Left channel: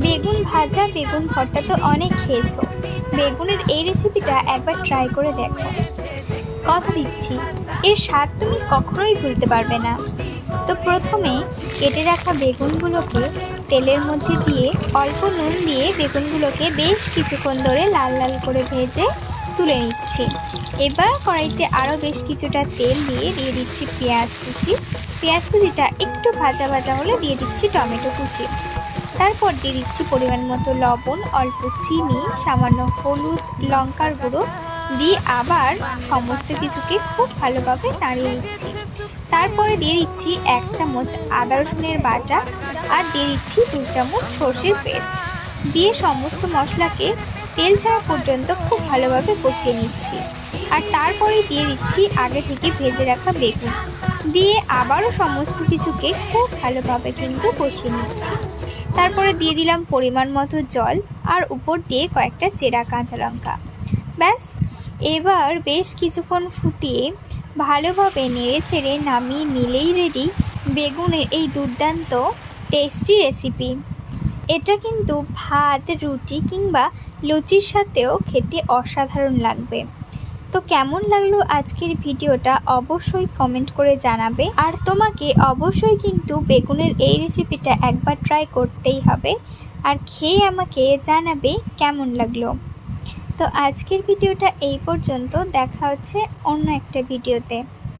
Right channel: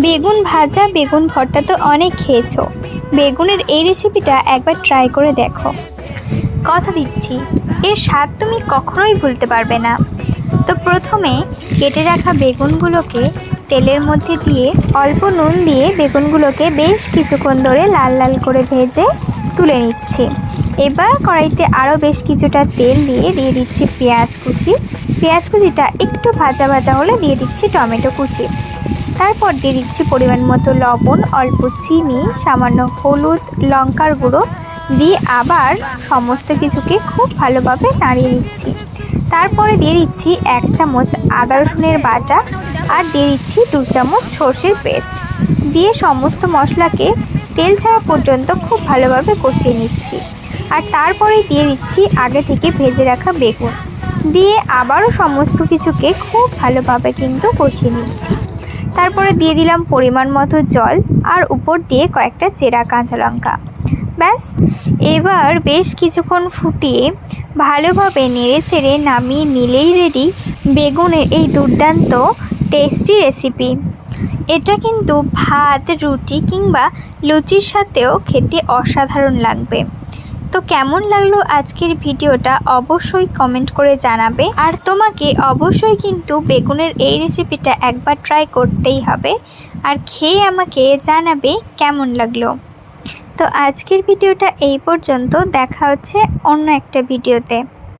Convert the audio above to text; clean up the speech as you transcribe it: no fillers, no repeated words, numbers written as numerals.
বেগুন ভাজা বেগুন ভর্তা তো অনেক খেয়েছো, বেগুনের এই রেসিপিটা একবার ট্রাই করে দেখো। কথা দিচ্ছি এর স্বাদ তুমি কখনোই ভুলতে পারবে না। তো প্রথমে কেটে রাখা বেগুনগুলোকে তেলের মধ্যে দিয়ে অল্প নুন দিয়ে বেগুনগুলোকে বেশ কিছুক্ষণ ধরে লাল লাল করে ভেজে তুলে নিচ্ছি। এবার কড়াইতে আরও বেশ কিছুটা তেল দিয়ে দিচ্ছি পেঁয়াজ কুচি। পেঁয়াজ কুচিটা একটু ভাজা ভাজা হলে দিয়ে দিচ্ছি টমেটো কুচি। তারপর দিয়ে দিচ্ছি পরিমাণ মতো লবণ, অল্প চিনি, সামান্য হলুদ, লঙ্কার গুঁড়ো দিয়ে আবার সমস্ত কিছুকে খুব ভালোভাবে নাড়িয়ে নিচ্ছি। তারপরে দিয়ে দিচ্ছি 1 চামচ আদা রসুনের বাটা আর দিয়ে দিচ্ছি 2 চামচ সর্ষের পেস্ট দিয়ে সমস্ত মশলাকে তেল ছাড়া পর্যন্ত খুব ভালোভাবে কষিয়ে নিচ্ছি। আর তারপরে দিয়ে দিচ্ছি আগে থেকে ভেজে রাখা বেগুন দিয়ে আবারও সমস্ত কিছুকে খুব ভালোভাবে কিন্তু কষিয়ে নিচ্ছি। তারপরে দিয়ে দিলাম পরিমাণ মতো জল আর উপর দিয়ে কয়েকটা চেরা কাঁচা লঙ্কা। ব্যাস, এবার বেশ কিছুক্ষণ ফুটিয়ে ভালোভাবে নেড়ে চেড়ে নামিয়ে নিলেই রেডি বেগুনের এই দুর্দান্ত টেস্টি রেসিপি। এটা কিন্তু ভাত, রুটি কিংবা লুচির সাথেও খেতে অসাধারণ লাগবে। তো কেমন লাগলো আজকের ভিডিওটা অবশ্যই কমেন্ট করে জানাবে। আর তোমাকে অবশ্যই কিন্তু বেগুনের এই রেসিপিটা একবার ট্রাই করতেই হবে আর খেয়ে আমাকে জানাবে কেমন লাগলো। তো আজকের ভিডিওটা এই পর্যন্ত, দেখা হচ্ছে অন্য একটা ভিডিওতে।